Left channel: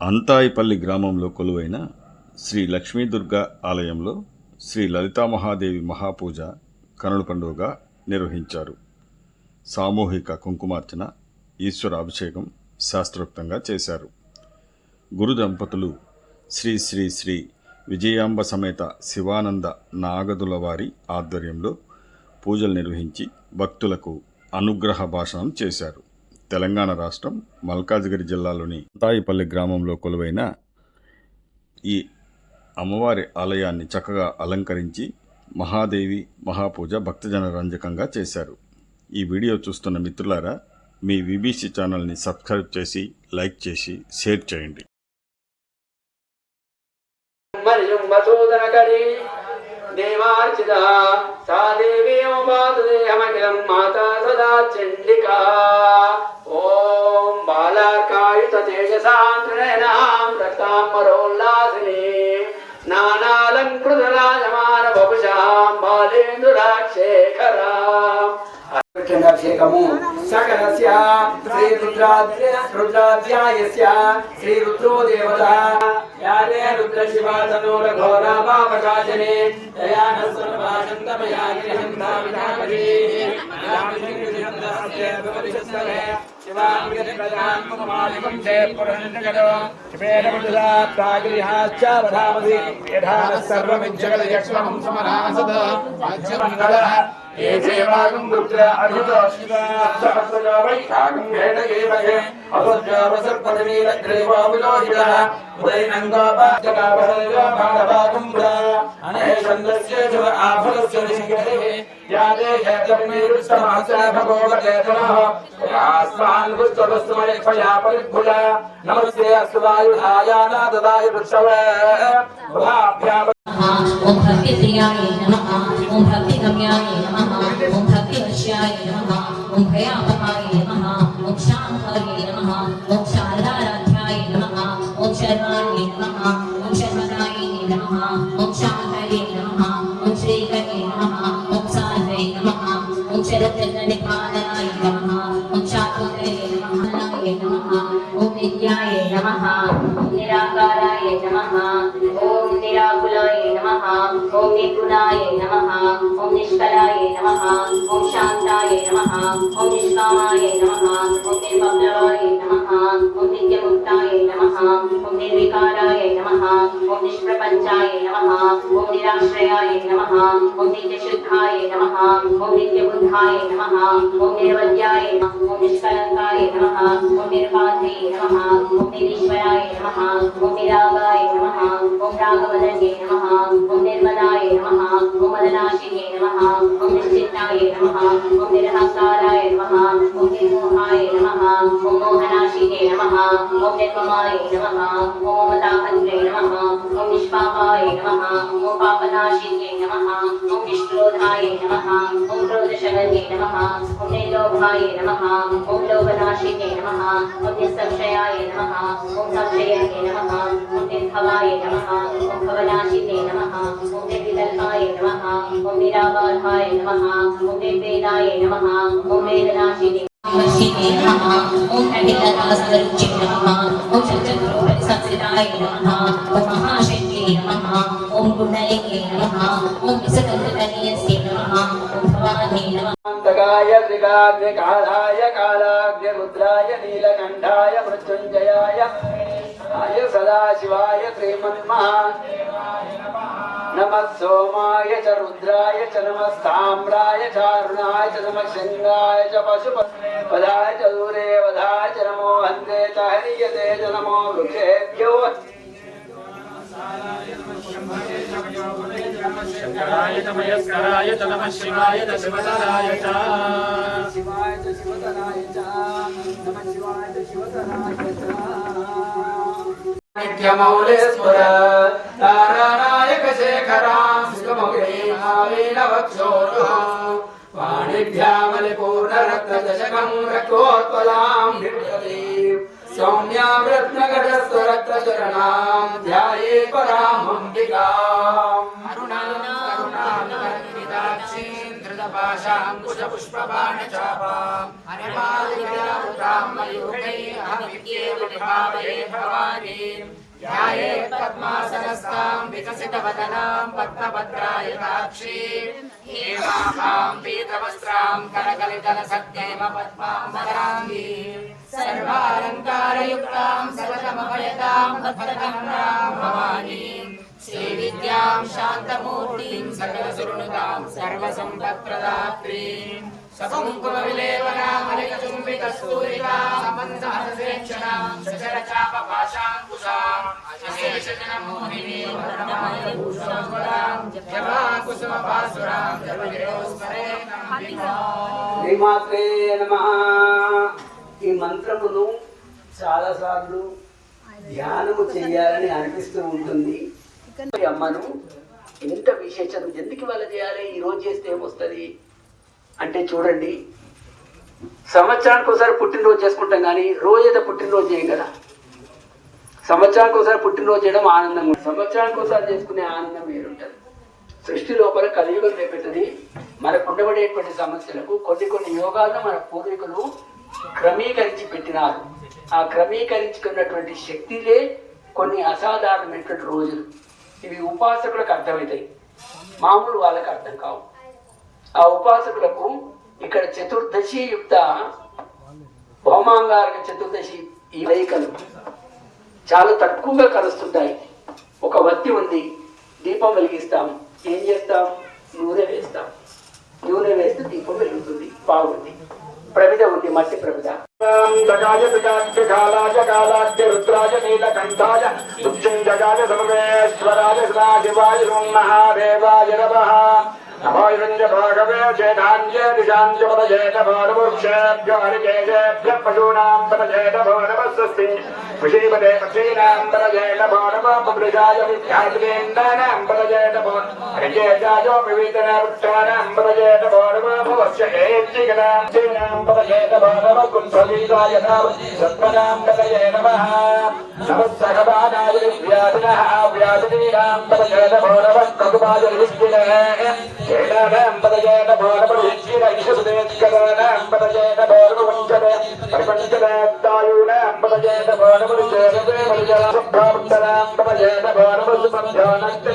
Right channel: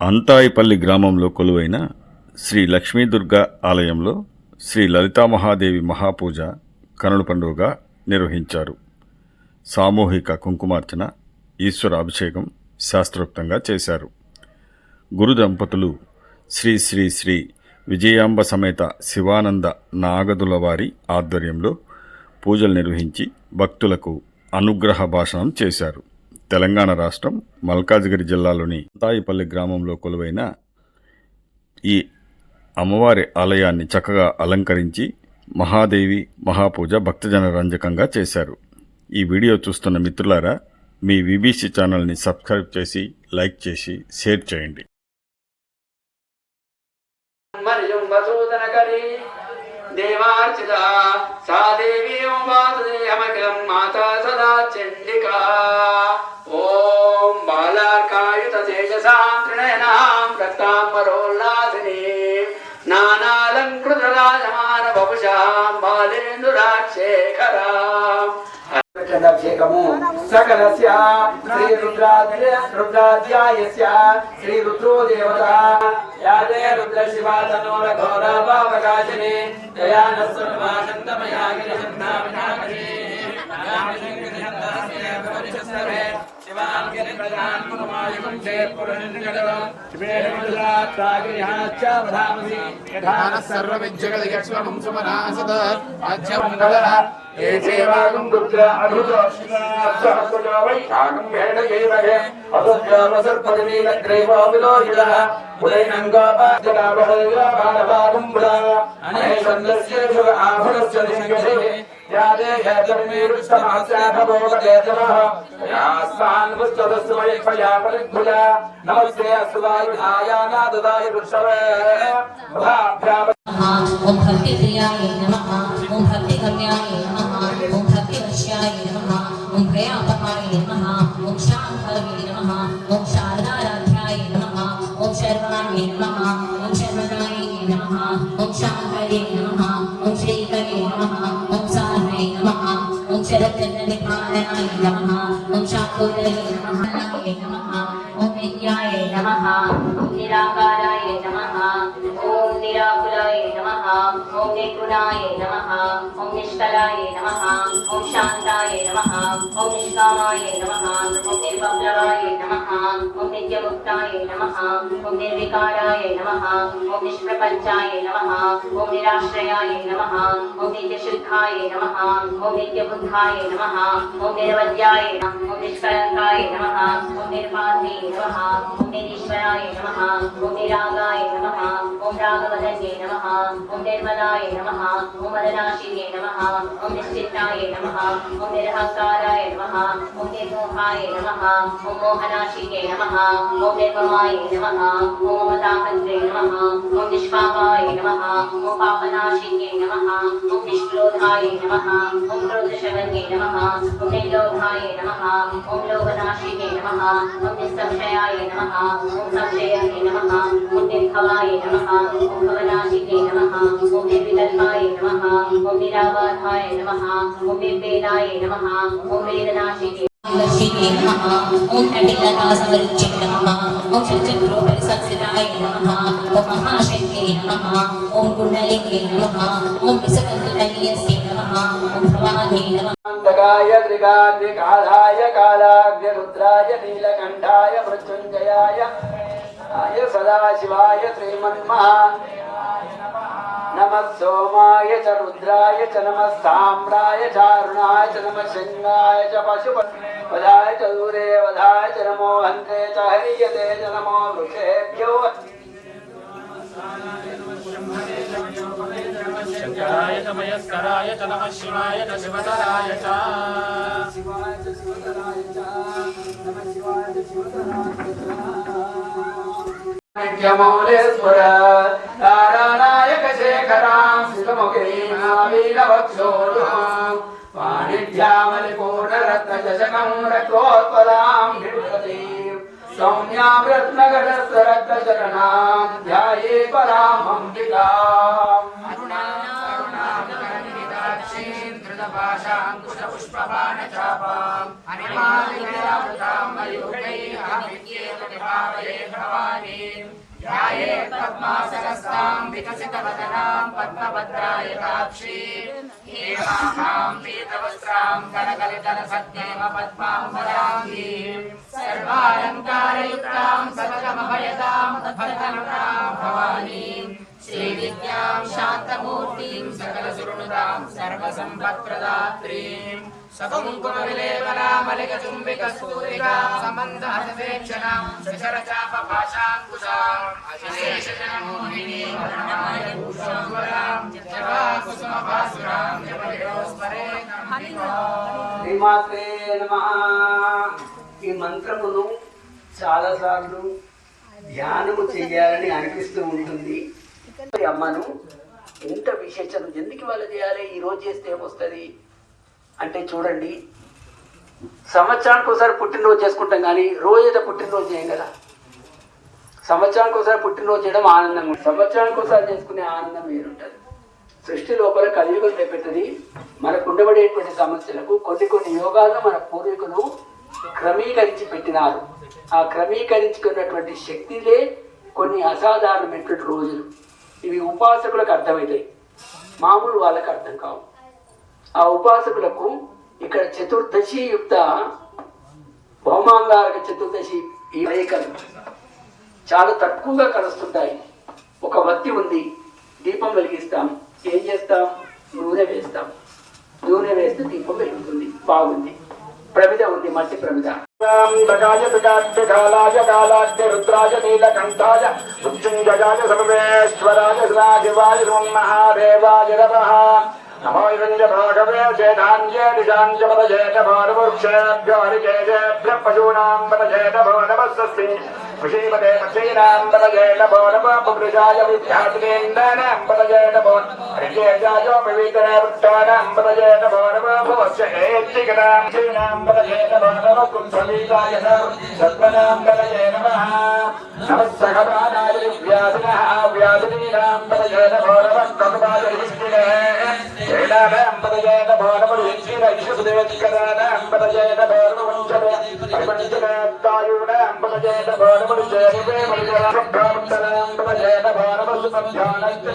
అంతాయిపల్లి గ్రామంలో కొలువైన శ్రీ లక్ష్మీదుర్గ ఆలయంలో శ్రీ లలితామహాదేవి మహాపూజ కనుల పండుగగా నిర్వహించారు. సామూహిక కుంకుమార్చన, ఈశ్వర అభిషేకం శాస్త్రోక్తంగా చేశారు. గురు దంపతులు శ్రీ శ్రీ శ్రీ విజయాంబ సమేత శివానంద నాగదుల వారి ఆధ్వర్యంలో పూజలు నిర్వహించి భక్తులకు అనుగ్రహ భాషణం చేశారు. తెలంగాణ రాష్ట్రం మల్కాజ్గిరి జిల్లాలోని అంతాయిపల్లి గ్రామంలో కొలువైన ఈ అమ్మవారి ఆలయాన్ని చక్కగా అలంకరించి మహాదేవి మహాపూజ భక్తజన రంజకంగా చేశారు. ఈ వీడియో చూస్తున్న మిత్రులారా, మీ విబిసి ఛానల్ని సబ్స్క్రైబ్ చేసి, లైక్ చేసి, షేర్ చేయండి. దేవార్చిత సా దేవి అమకిలం మాతా సదా చండికా. ఓం బాలార్కాయుత శేషసాంత్రినయనాం రక్తాంబరోల్లాసిని నానాలంకృతలాజమాన వపుషాం బాలేందురాక్షేఖరా. అభిషేకము సకలస్య శ్రీ రుద్రాధ్యాయస్య శ్రీ రుద్రో దేవత యాదే రుద్ర శివాతనో ఘోరా పాపకాశనే దయానస్వరమాశంతమయాగిరిశంతావినాకరీ యామిశంకరిశంతాస్య శివాంగిరి ప్రధానమనమాలికం జయపురంజగద శివేహముదాత్వాగిరిహాశ్చ వధామసి యథానః సర్వమిజ్జగదయక్ష్మం సుమనాసద ఆజ్యమంగళః ఏషేమాగం రుద్ర అమృత సహస్రజా వైశాఖం వేదగేవహే అసత్యావసర్పదనీలగ్రీవోవిలోహితః ఉదయనంగోపాజనాభల్లాభానవాకుంభ్రా అనేషందస్య జగ ఆభరస్య దిశగతిః యాదే హేతర్మీరుష్టమాస్య భగోగతేతనః యాస్మాన్ పుష్పవస్తుమయక్షయా పరిద్భుజా నమస్తే అస్మాయుధాయ నాదదాయ వృక్షవే భాభ్యాం. ఓం భక్తిప్రియాయ నమః, ఓం భక్తిగమ్యాయ నమః, ఓం భక్తివశ్యాయ నమః, ఓం భయాపహాయ నమః, ఓం శాంభవే నమః, ఓం శారదారాధ్యాయ నమః, ఓం శర్వాణ్యే నమః, ఓం శర్వదాయే నమః, ఓం శాంభవే నమః, ఓం శ్రీకరే నమః, ఓం సార్వే నమః, ఓం శరత్ననిపాతనాయ నమః, ఓం శాంభవే నమః, ఓం విద్యాయ నమః, ఓం నిరాకారాయ నమః, ఓం నిరాకులాయ నమః, ఓం నిర్గుణాయ నమః, ఓం నిష్కలాయ నమః, ఓం శాంతాయ నమః, ఓం నిష్కామాయ నమః, ఓం నిర్వప్లవాయ నమః, ఓం నిత్యముక్తాయ నమః, ఓం నిర్వికారాయ నమః, ఓం నిష్ప్రపంచాయ నమః, ఓం నిరాశ్రయాయ నమః, ఓం నిత్యశుద్ధాయ నమః, ఓం నిత్యబుద్ధాయ నమః, ఓం నిరవధ్యాయ నమః, ఓం నిష్కలంకాయ నమః, ఓం నిరుపాధే నమః, ఓం నిరీశ్వరాయ నమః, ఓం నిరాగాయ నమః, ఓం రాగవదనే నమః, ఓం నిర్మలాయ నమః, ఓం మదనాశినే నమః, ఓం నిశ్చిత్తాయ నమః, ఓం నిరహంకారాయ నమః, ఓం నిర్మోహాయ నమః, ఓం మోహనాశినే నమః, ఓం నిర్మమాయ నమః, ఓం మమతాహంత్రే నమః, ఓం నిష్పాపాయ నమః, ఓం పాపనాశినే నమః, ఓం నిష్క్రోధాయ నమః, ఓం క్రోధశమన్యే నమః, ఓం నిర్లోభాయ నమః, ఓం లోభనాశినే నమః, ఓం నిస్సంశయాయ నమః, ఓం సంశయనే నమః, ఓం నిర్భవాయ నమః, ఓం భవనాశినే నమః, ఓం నిర్వికల్పాయ నమః, ఓం నిరాబాధాయ నమః, ఓం నిర్వేదాయ నమః, ఓం వేదనాశినే నమః, ఓం అఖిలతాసవరుచ్ఛే నమః, ఓం షట్చక్రోపరిసంస్థితాయ నమః, ఓం మహాశక్తే నమః, ఓం కుండలినే నమః, ఓం విసకంకటనీయస్యే నమః, ఓం భవాన్యే నమః. అంతకాయ త్రికార్యకాలాయ కాలాగ్య రుద్రాయ నీలకంఠాయ మృత్యుంజయాయ సదాశివాయ శ్రీమన్మహా నమః సోమాయ చ రుద్రాయ చ నమః తామ్రాయ చ అరుణాయ చ నమః శంగాయ చ పశుపదాయ చ దూరేవధాయ చ నమో హంతే చ హరియతే చ నమో వృక్షేభ్యో శంకరాయ చ మయస్కరాయ చ నమః శివాయ చ శివతరాయ చ శివాయ చ శివతరాయ చ నమః శివాయ చ శివతరాయ చ నిత్యమౌలేశ్వర తారానాయక శేఖరాం సుఖముఖే ఆవీనవక్షోరు వాణిభ్యామలిపూర్ణరత్నకశకం రక్తోత్పలాం బిందతీం సౌమ్యాం రత్నగడస్థరక్తచరణాం ధ్యాయే పరాం అంబికాం. పుష్పబాణచాపాం హరిమాలికావృతాం మయూఖై అహమిత్యేవ విభావే భవాని विकसितवदनां पद्मभद्रायताक्षीं हेमां पीतवस्त्रां करकलितनसद्यैव पद्माम्बराङ्गीं सर्वालङ्कारयुक्तां सकलमभयदां भद्रकनम्रां भवानीं श्रीविद्यां शान्तमूर्तिं सकलसुरनुतां सर्वसम्पत्प्रदात्रीं सकुङ्कुमविलेपनामलिकचुम्बिकस्तूरिकां समन्दहसेक्षणां सचरचापपाशाङ्कुशां अशेषजनमोहिनीं वर्णमालिकभूषोज्वलां जपाकुसुमपासुरां जपनिरोस्मरेणम्बिकां శ్రీమాత్రే నమః. ఈ మంత్రమును చాలాసార్లు ధ్యానము చెయ్యాలని అనిపిస్తూ ఉంటుంది. ఈ అమ్మను ఎంత విశేషం ఎందుకు వాళ్ళ చేయాలి, ఈ రోజు చేస్తే ఏమొస్తుంది అంటే చూడండి, సంవత్సరానికి ఒకసారి పుట్టినరోజు చేసుకుంటాం కానీ రోజైతే పుట్టినరోజు చేయం కదా. సంవత్సరానికి ఒకసారి పుట్టినరోజు చేయడం ఆనందం, సంవత్సరానికి ఒకసారి చేసుకునే ఆనందం వేరుంటుంది. సృష్టి లోపల కలియుగం చేపెట్టది. మనకు ఉండబడేటువంటి సమస్యలకు కొన్ని యోగాలను మన పూర్వీకులు క్రమీకరించి పెట్టినారు. ఆ క్రమీకరించుకున్నటువంటి శక్తిలే కొన్ని అసాధారణమైనటువంటి రోజులు. ఇవి ఉపాసకులకు అర్థమవుతాయి, మామూలు వాళ్ళకి అర్థం కావు. ఆ ఉపాసకులకు ఇక్కడ చతుర్దశి యుక్త భౌమాంగారక చతుర్దశి ఈ రేఖలు చాలా తక్కువగా కలుస్తుంటాయి. ఒక వత్తి ఉంది, దీపం వెలిగిస్తాం, ఏం చేస్తాం, నూనె వేస్తాం, నూనె వేస్తే దీపం వెలుగుతుంది, బాగుంది. ప్రమిద ఉంది, మట్టి ప్రమిద. రుద్రాజ నీలకంఠాయ ఉచ్చేజాయ సర్వేశ్వరాయ సదాశివాయ మహాదేవాయ నమః. నమో హిరణ్యభాగవే జేనాన్యే దిశాంచ పదజేత భారవృక్షేభ్యో హరికేశేభ్య పశూనాం పదజేత భో నమస్తి విషీపదే పక్షీనాం పదజేత భో నమ పురుషాయ విద్యార్థికేంద్రాణాం పదజేత భో హరికేశాయోపవీతనే పుష్టానాం పదజేత భో నమ భవస్య ఏత్తికనాం క్షీణాం పదజేత భో నమ కుంసవీతాయ సత్మనాం పదజే నమః. నమస్సహబానాయ వ్యాధినః వ్యాధీనాం పదజేత భో నమ కకుమాద విష్ణునే వేదానాం పదజేత భో నమ విష్ణున విశ్వదేవత్కరాణాం పదజేత భో నమ వంచనే పరిపంచదాయూనాం పదజేత భో నమ చేతవే మునిజరాభాముత్తరాం పదజేత భో నమ సుమధ్యానంత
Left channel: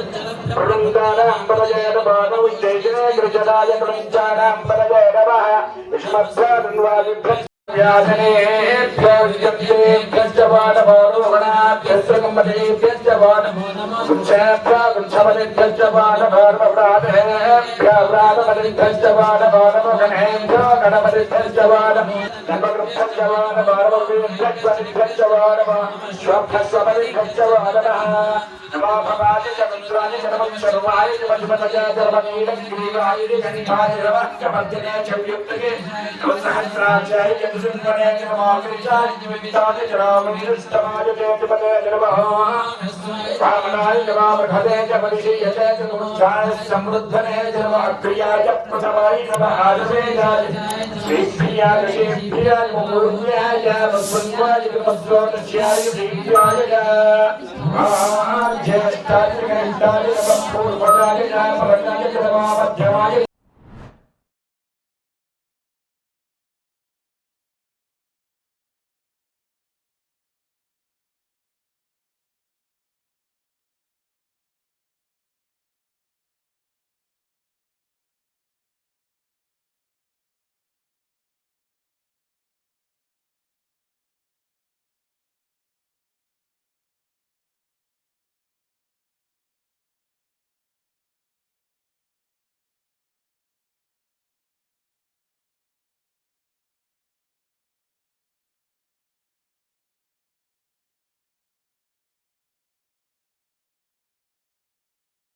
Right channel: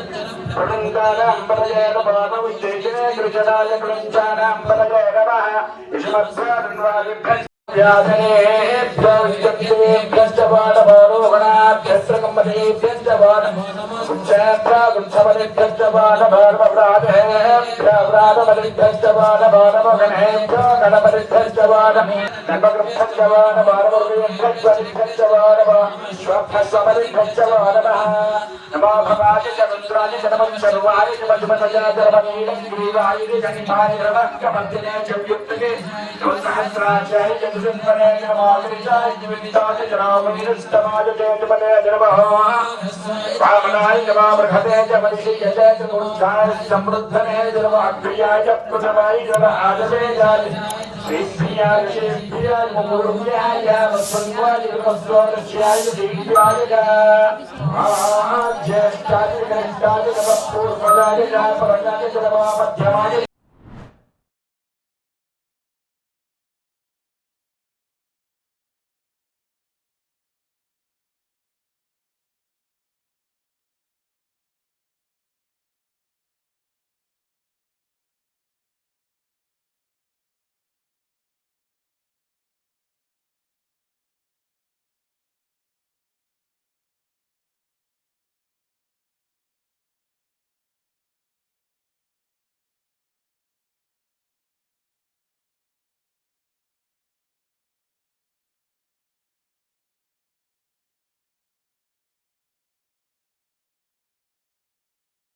ప్రవృందానాం పదజేత భో నమ విశేషే కృషదాయ కలంచానాం పదజేత నమః. యుష్మత్సాన్వాదిభ్య వ్యాధనేభ్యో విద్యేభ్యశ్చ వానమో రోహణాభ్యశ్చ కంపనేభ్యశ్చ వానమో నమః. గుంసేభ్య గుంసమనేభ్యశ్చ వానమో నమః. ప్రాణేభ్య ప్రాణమనేభ్యశ్చ వానమో నమః. గణేభ్యో గణపతిభ్యశ్చ వానమో నమః. వానమో నమః. వేభ్యశ్చ వానమో స్వభ్యశ్చ వానమః. నమో భవాయ చంద్రాయ నమః. శర్వాయ కులజమతయ ధర్మమీడం గిరివాయ గణితాయ నమః. మధ్యనే చవ్యుక్తే సహస్రాచార్య జగన్వనే నమః. గిరిజాయ నిమితాయ రామనిరుష్టమాయ జయతిపదే నమః. వామనాయ నమః. బృహదే జమరిషీయతే త్రిమూర్ఛాయ సమృద్ధనే నమః. ప్రియాయ ప్రథమాయ నమః. ఆదవేదాయ శ్రీప్రియాయ శ్రీప్రియాయ పూర్వ్యాయ వస్వన్వాయ విమస్వోదస్యాయ శ్రీప్రియాయ జ్యేష్ఠాయ జ్యేష్ఠాయ నమః. పూర్వదాయ పరదాయ నమః. మధ్యమాయ